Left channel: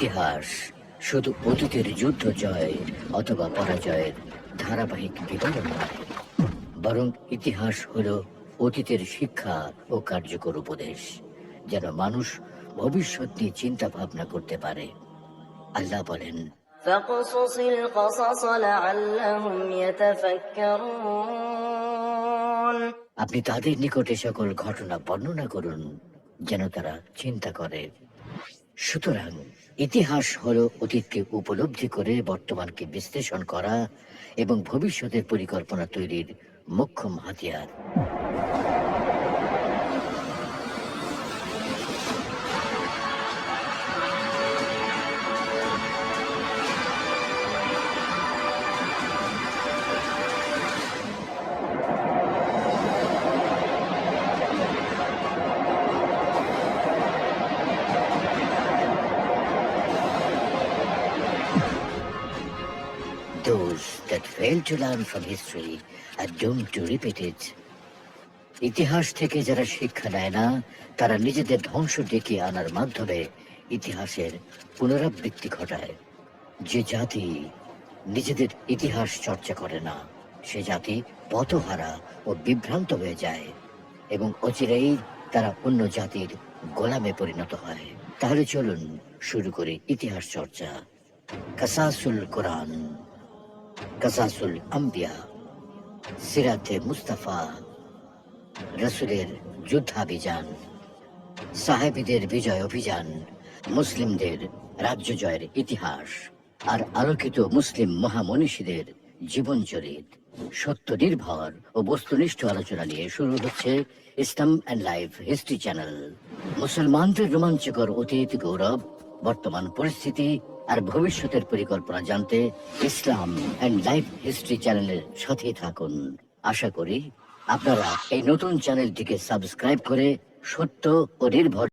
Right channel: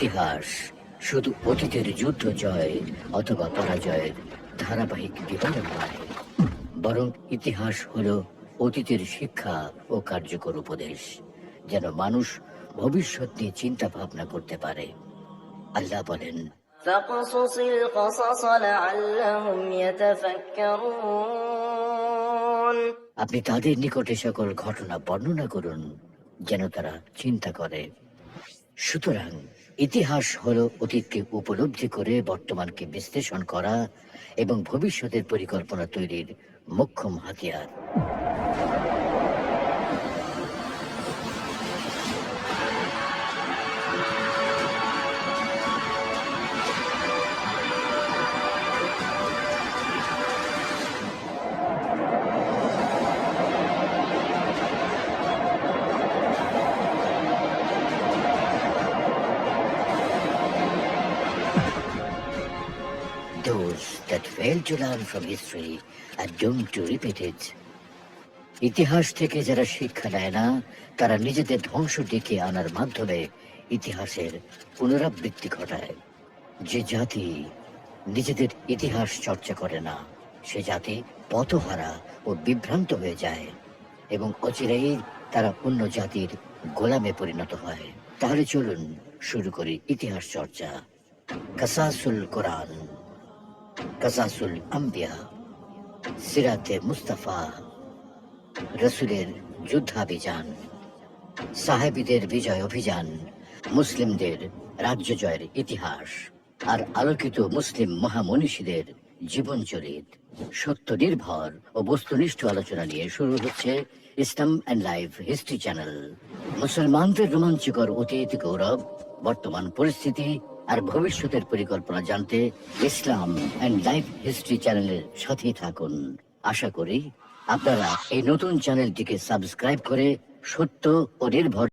ইতিহাস শুধু অতীতের যুদ্ধ জয় অথবা পরাজয়ের ধারাবাহিক বিবরণ নয়, বরং ইতিহাস হলো অতীতের শিক্ষা ও কার্যকর উপদেশ, যেন মানুষ ভবিষ্যৎ নিয়ে চিন্তা ভাবনা করতে পারে। আল্লাহ বলেন, فاقصص القصص لعلهم يتفكرون। আপনি তাদের নিকটে সকল ঘটনা বর্ণনা করুন যেন তারা চিন্তা করে। সুতরাং ইতিহাস হলো অতীতকে উপলব্ধি করে বর্তমানকে বিশ্লেষণ করা এবং ভবিষ্যতের পরিকল্পনা তৈরির মোক্ষম হাতিয়ার। Those that fail to learn from history are doomed to repeat it. ইতিহাস থেকে যারা শিক্ষা নেয় না, তারা নিজেদের ধ্বংস ডেকে আনার মাধ্যমে ইতিহাসের পুনরাবৃত্তি ঘটায়। যে জাতি নিজেদের ইতিহাস চর্চা করে না, সে জাতি পথহারা ও বিভ্রান্ত হয়ে যায় এবং অচিরেই তারা অন্য জাতির গোলামে পরিণত হয়। তাহলে চলুন শুরু করি ইতিহাস চর্চা। কাসাসুল কোরআন, কাসাসুল আম্বিয়া, সিরাতে মুস্তাফা, রসুলের যুদ্ধাভিযান, সাহাবীদের বিজয় অভিযান, মুসলিমদের রাজ্য জয়ের ইতিহাস আর আলোকিত মুসলিম মহামনীষীদের জীবনচরিত। সত্য নির্ভর ও বস্তুনিষ্ঠ আলোচনা নিয়ে শুরু হচ্ছে ইসলাম অ্যান্ড লাইফ হিস্ট্রি চ্যানেল। মুসলমানদের রোমাঞ্চকর অতীত, গৌরব, বর্তমান পরিস্থিতি আর ভবিষ্যতের পরিকল্পনা জানতে ইসলাম অ্যান্ড লাইফ হিস্ট্রি চ্যানেলের সাথেই থাকুন। আশা করি আপনারা এই নতুন চ্যানেলটিকে সাবস্ক্রাইব করে সত্য ও নির্ভর